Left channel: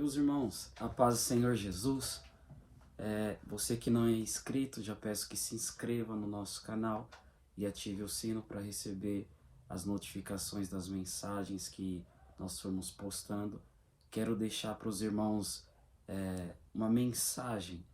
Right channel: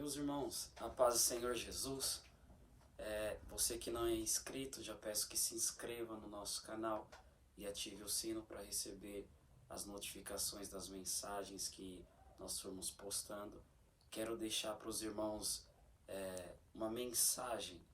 Meus irmãos, a paz do Senhor Jesus. Você que não é inscrito, já peço que se inscreva no nosso canal e ative o sino para receber as notificações das mensagens que nós formos postando. Quero deixar para os irmãos uma mensagem.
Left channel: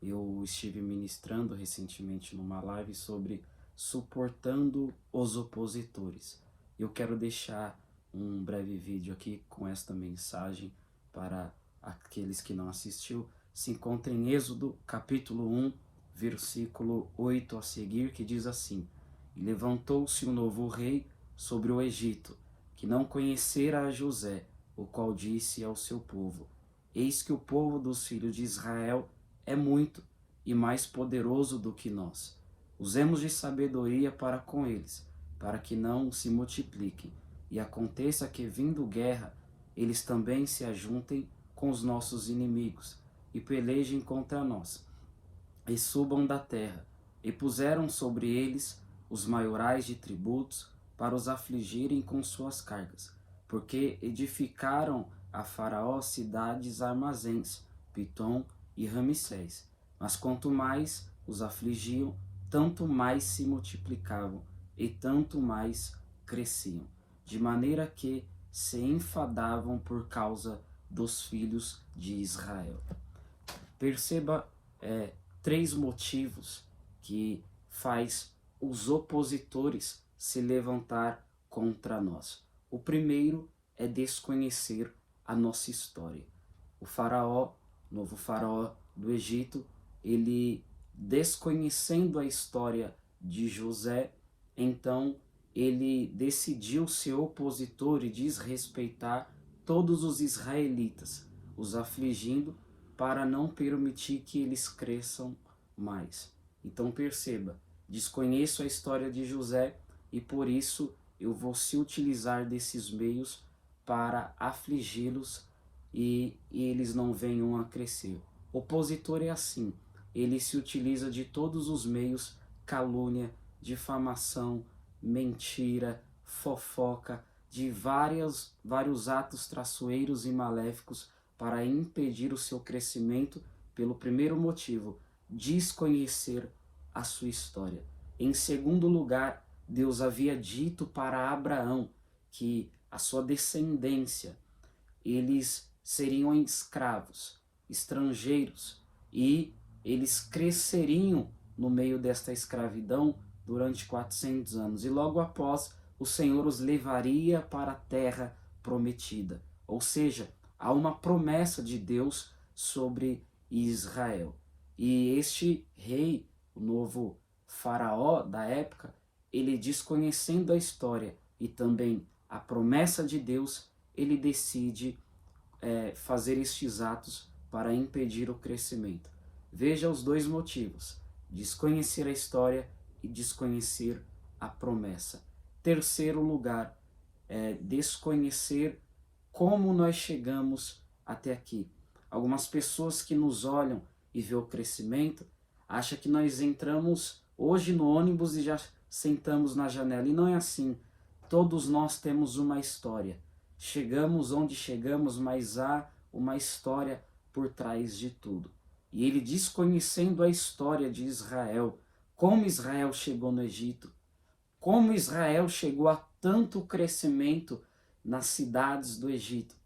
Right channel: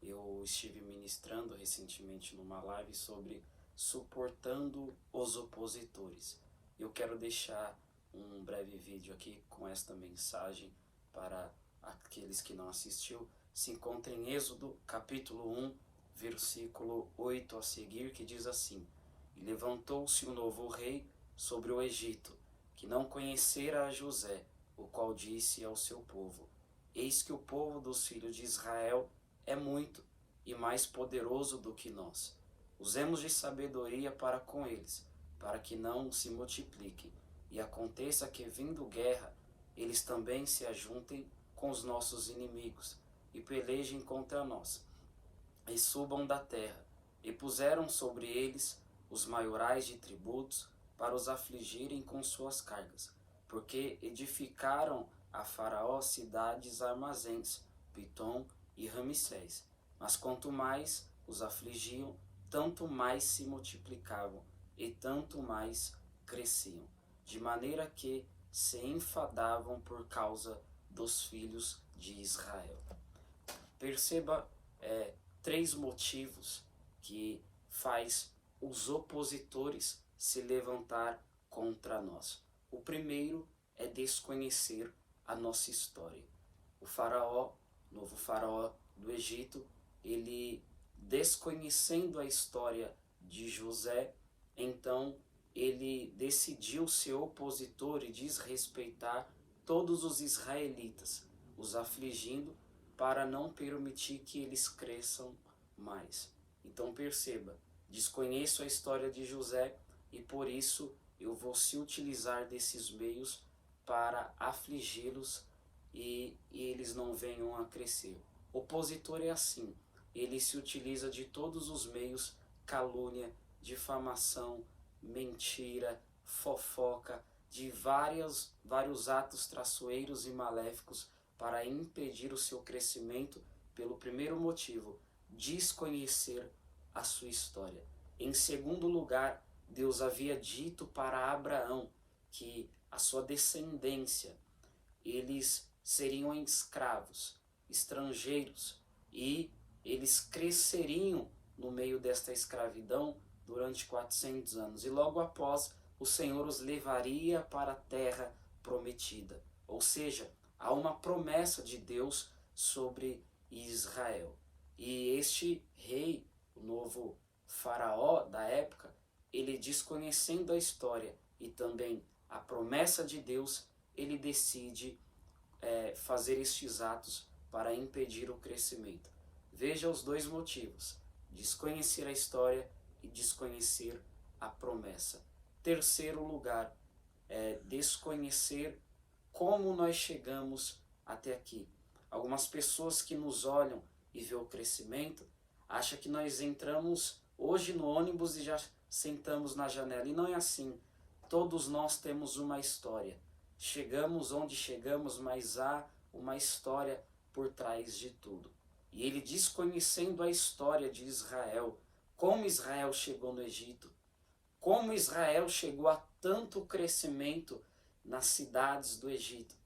Eu estive ministrando recentemente numa live sobre suportando os opositores. Eu quero deixar um breve vídeo aqui com esta mensagem para aqueles que não assistiu. Se encontra em Êxodo capítulo 1, versículo 8 a seguir, que diz assim: E levantou-se um novo rei sobre o Egito, que não conhecera a José, o qual disse ao seu povo: Eis que o povo dos filhos de Israel é muito e mais poderoso do que nós. Usemos de sabedoria para com eles, para que não se multipliquem. E aconteça que, vindo guerra, eles também se ajuntem com os nossos inimigos, e pelejem contra nós, e subam da terra. E puseram sobre eles os maiorais de tributos, para os afligirem com suas cargas, porque edificaram a Faraó cidades armazéns, Pitom e Ramsés. Mas quanto mais os afligiam, tanto mais se multiplicavam, e tanto mais cresciam, de maneira que se enfadavam por causa dos filhos de Israel. Perceba três motivos que faz os opositores se levantar contra nós. O primeiro é desconhecer a nossa história. O faraó, novo faraó do Egito, ele, desconhecendo a história de José, então ele decidiu ser opositor e desrespeitar todos os israelitas, os afligindo para não permitir que eles cresçam mais. Então perceba, desconheço a história de José e por isso eu vou se utilizar desses meios para afligi-los e eles não venham a crescer. Opositor é assim, ele se utiliza de todos os meios: calúnia, difamação, mentira, fofoca, de vários atos traiçoeiros e maléficos para impedir o seu crescimento, pelo primeiro motivo: desconhecer a sua história. Em segundo lugar, Deus havia dito para Abraão que a sua descendência, eles seriam escravos, estrangeiros, e eles cresceriam no meio desta escravidão durante 400 anos. E logo após, o Senhor os levaria para a terra prometida. Ou seja, há uma promessa de Deus sobre Israel. E este rei, o novo faraó da época, ele, desconhecendo a história e também a promessa de Deus, ele decide fazer estes atos para impedir o crescimento. Veja os dois motivos: desconhecer a história e desconhecer a promessa. Terceiro lugar, desconhecer como nós chegamos até aqui. Algumas pessoas que nos olham e vê o crescimento, acham que nós entramos hoje no ônibus e já sentamos na janela. E não é assim. Todos nós temos uma história. Chegamos onde chegamos, mas há uma história por trás de tudo. E ele, desconhecendo a história de Israel, como Israel chegou no Egito, como Israel chegou a tanto crescimento nas cidades do Egito,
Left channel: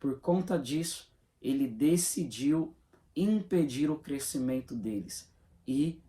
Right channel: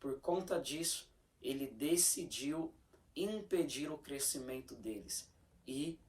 por conta disso, ele decidiu impedir o crescimento deles. E,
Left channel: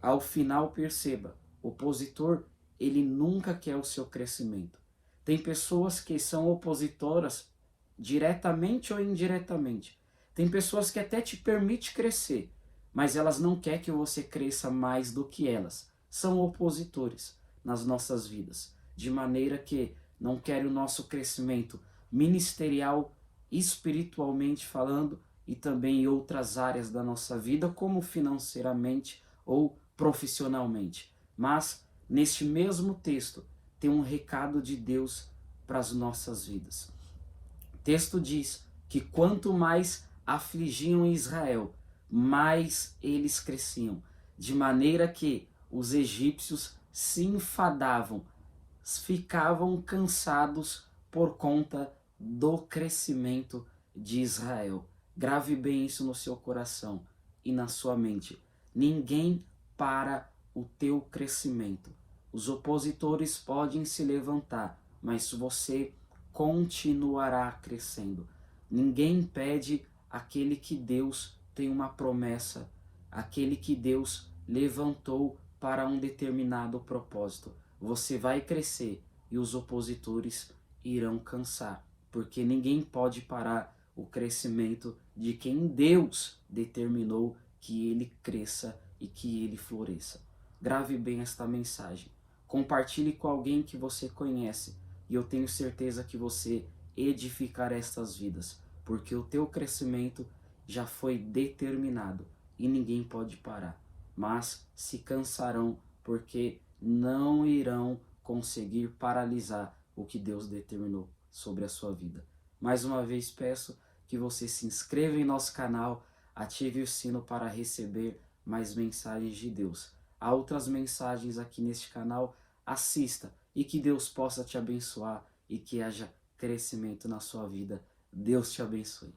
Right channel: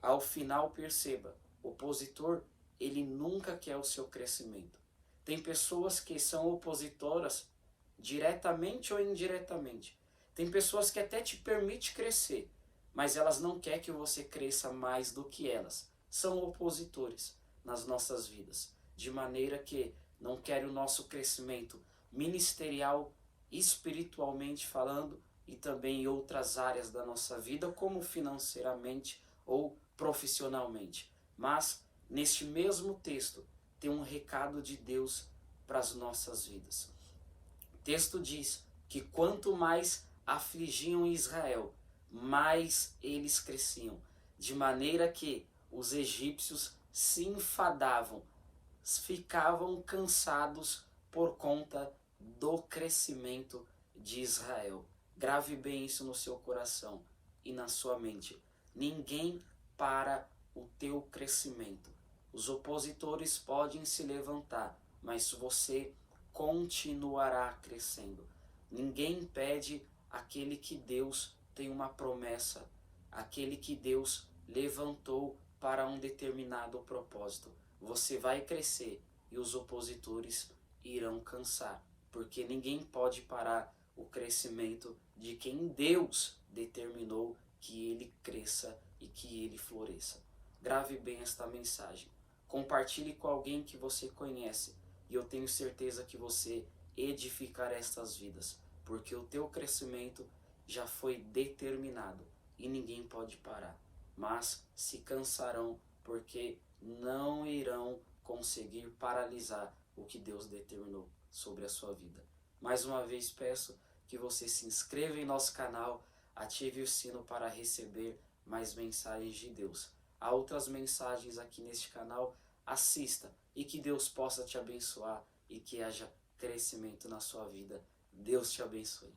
ao final, perceba, o opositor, ele nunca quer o seu crescimento. Tem pessoas que são opositoras diretamente ou indiretamente. Tem pessoas que até te permitem crescer, mas elas não querem que você cresça mais do que elas. São opositores nas nossas vidas, de maneira que não querem o nosso crescimento ministerial, espiritualmente falando, e também em outras áreas da nossa vida, como financeiramente ou profissionalmente. Mas, neste mesmo texto, tem um recado de Deus para as nossas vidas. O texto diz que quanto mais afligiam Israel, mais eles cresciam, de maneira que os egípcios se enfadavam, ficavam cansados por conta do crescimento de Israel. Grave bem isso no seu coração e na sua mente. Ninguém para o teu crescimento. Os opositores podem se levantar, mas você continuará crescendo. Ninguém impede aquele que Deus tem uma promessa, aquele que Deus levantou para um determinado propósito. Você vai crescer e os opositores irão cansar, porque ninguém pode parar o crescimento de quem Deus determinou que ele cresça e que ele floresça. Grave bem esta mensagem. Compartilhe com alguém que você conhece e eu tenho certeza que você edificará estas vidas, porque o teu crescimento já foi determinado e ninguém pode parar. Mas se cansarão porque não irão conseguir paralisar o que Deus determinou sobre a sua vida. Mais uma vez peço que você se inscreva em nosso canal, ative o sino para receber mais mensagens de Deus. Há outras mensagens aqui neste canal, assista e que Deus possa te abençoar e que haja crescimento na sua vida. Deus te abençoe.